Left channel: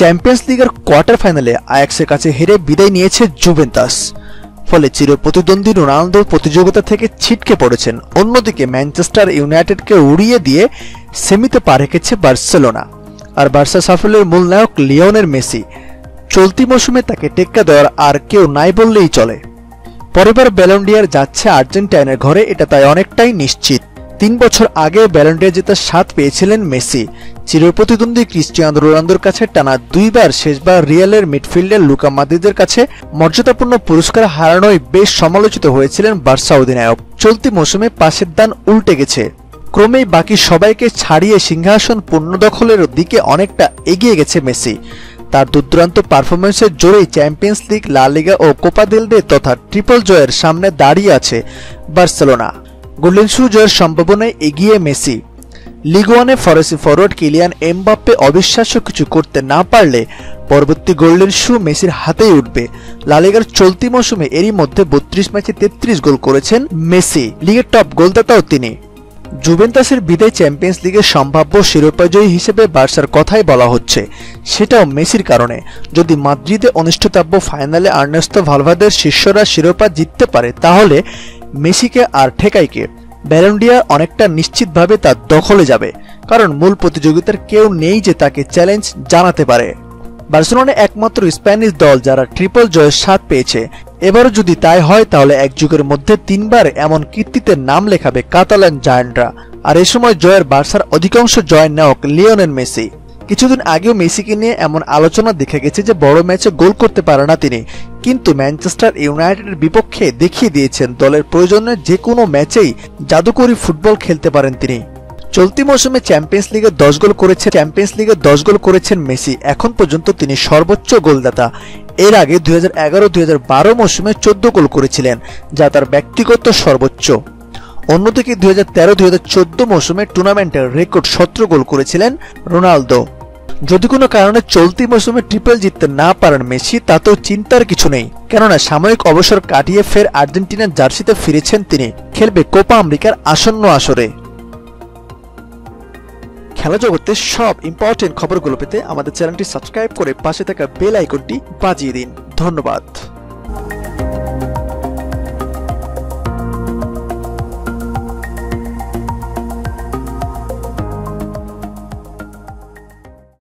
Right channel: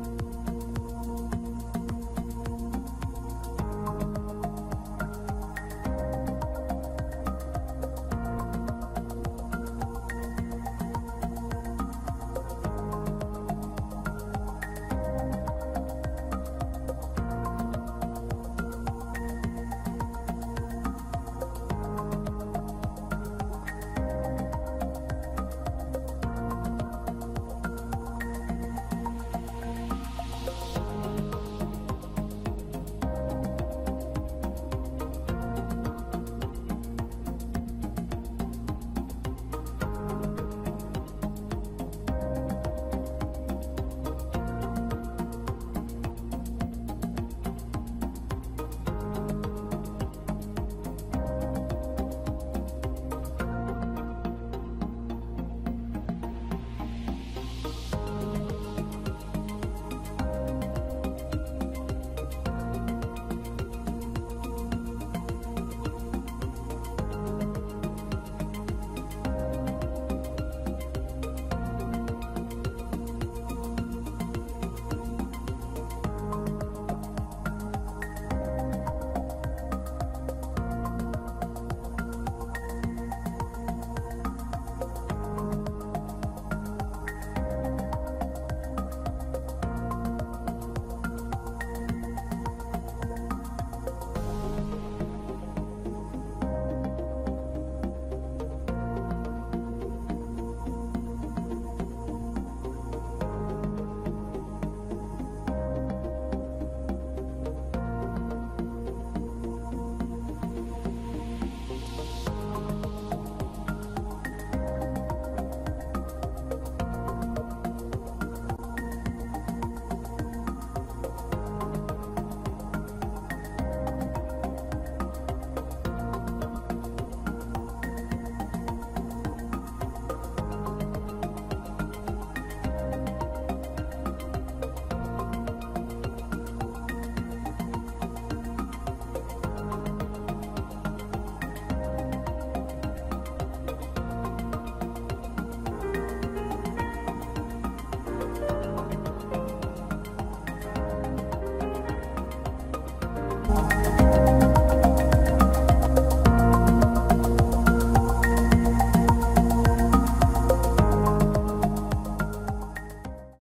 Champions লিগের quarter ফাইনালে আয়াক্সের কাছে হেরে বিদায় নিয়েছে জুভেন্টাস। ফলে চিরপ্রতিদ্বন্দ্বী রোনালদো প্রতিযোগিতা থেকে ছিটকে পড়েছেন। অন্যদিকে ম্যানচেস্টার ইউনাইটেডকে উড়িয়ে দিয়ে সেমিতে পা রেখেছে বার্সেলোনা। আর বার্সা সাফল্যের মূল নায়ক লিওনেল মেসি। চলতি মৌসুমে তাকে টেক্কা দেওয়ার আর কেউ নাই বললেই চলে। পরেরবার ব্যালন ডি অর যাচ্ছে আর্জেন্টাইনের ঘরে, এটা তাই অনেকটাই নিশ্চিত। 3 বছর আগে ব্যালন ডি অর জেতার স্বাদ পেয়েছিলেন মেসি। চিরপ্রতিদ্বন্দ্বী ক্রিস্টিয়ানো রোনালদোর কাছে টানা 2 বার, শেষবার রিয়ালের মিডফিল্ডার লুকা মদ্রিচের কাছে মর্যাদাপূর্ণ পুরস্কার হারানোয় বেশ সমালোচিত হয়েছিলেন বার্সা অধিনায়ক। চলতি মৌসুমে পাশের দান উল্টে গেছে। ক্রমেই বাকি সবাইকে ছাড়িয়ে সিংহাসন পুনর্দখলের দিকে অনেকটা এগিয়ে গেছে মেসি। তার দুর্দান্ত পারফরম্যান্সের জোরেই চ্যাম্পিয়ন্স লিগ, লা লিগা ও কোপা দেল রে তথা ট্রিপল জয়ের সামনে দাঁড়িয়ে আছে বার্সেলোনা। গোল্ডেন শু জয়ের সম্ভাবনায় এগিয়ে মেসি। লিগ ওয়ানে ফরাসি ফরওয়ার্ড কিলিয়ান এমবাপ্পে অবিশ্বাস্য কিছু করতে না পারলে পরবর্তী গোল্ডেন শু মেসির হাতেই উঠবে। লা লিগার চলতি মৌসুমে এরই মধ্যে 32 ম্যাচে 33 গোল করেছেন মেসি। লিগের টপ গোলদাতাও তিনি। জুভেন্টাসের বিদায় চ্যাম্পিয়ন্স লিগের সম্ভাব্য শিরোপাজয়ী হিসেবে বার্সার কথাই বলা হচ্ছে, সেটাও মেসির কারণে। যদি মাদ্রিদে অনুষ্ঠিতব্য ফাইনালে আর্নেস্তো ভালভার্দের শিষ্যরা শিরোপা জিততে পারে, তাহলে মেসিকে আর ঠেকাই কে? ব্যালন ডি অর অনেকটা নিশ্চিতভাবে তার দখলে যাবে, কারণ মূল প্রতিযোগিতার কেউ নেই যে তাকে চ্যালেঞ্জ জানাতে পারে। বার্সেলোনা একমাত্র স্প্যানিশ দল যারা ট্রিপল জয়ের স্বাদ পেয়েছে। এবারও যদি তাই হয়, তাহলে এক যুগের মধ্যে 3 বার এমন কীর্তিতে নাম লেখাবে কাতালান জায়ান্টরা। আর এ সময় জয়ের বার্সার অধিকাংশ জয়ের নায়ক লিওনেল মেসি। কিছুদিন আগেও মেসিকে নিয়ে এমন আলোচনা দেখা গেছে যে বড় ম্যাচে গোল করতে পারে না তিনি, কিন্তু ম্যানচেস্টার ইউনাইটেডের বিপক্ষে দেখিয়ে দিয়েছেন দলের প্রয়োজনে যে কোনো ম্যাচেই জাদুকরী ফুটবল খেলতে পারেন তিনি। চলতি মৌসুমে চ্যাম্পিয়ন্স লিগে 10 গোল করেছেন মেসি। এখন পর্যন্ত তিনি সর্বোচ্চ গোলদাতা। এর আগে 2011-2012 মৌসুমে 14 গোল করেছিলেন, যা তার ব্যক্তিগত সর্বোচ্চ। অন্যদিকে 2013-2014 মৌসুমে টুর্নামেন্টের রেকর্ড 17 গোল করেছিলেন রোনালদো। যদি কোনো কারণে চলতি মৌসুমে ট্রিপল জিততে না পারেন মেসি, তাতেও চিন্তার কিছু নেই, কেননা সাময়িক অবসর কাটিয়ে ফের আর্জেন্টিনার জার্সিতে ফিরেছেন তিনি। খেলবে কোপা আমেরিকার আসন্ন আসরে। খেলা জগতের সব ইম্পর্টেন্ট খবরগুলো পেতে আমাদের চ্যানেলটি সাবস্ক্রাইব করে পাশে থাকা বেল আইকনটি বাজিয়ে দিন। ধন্যবাদ।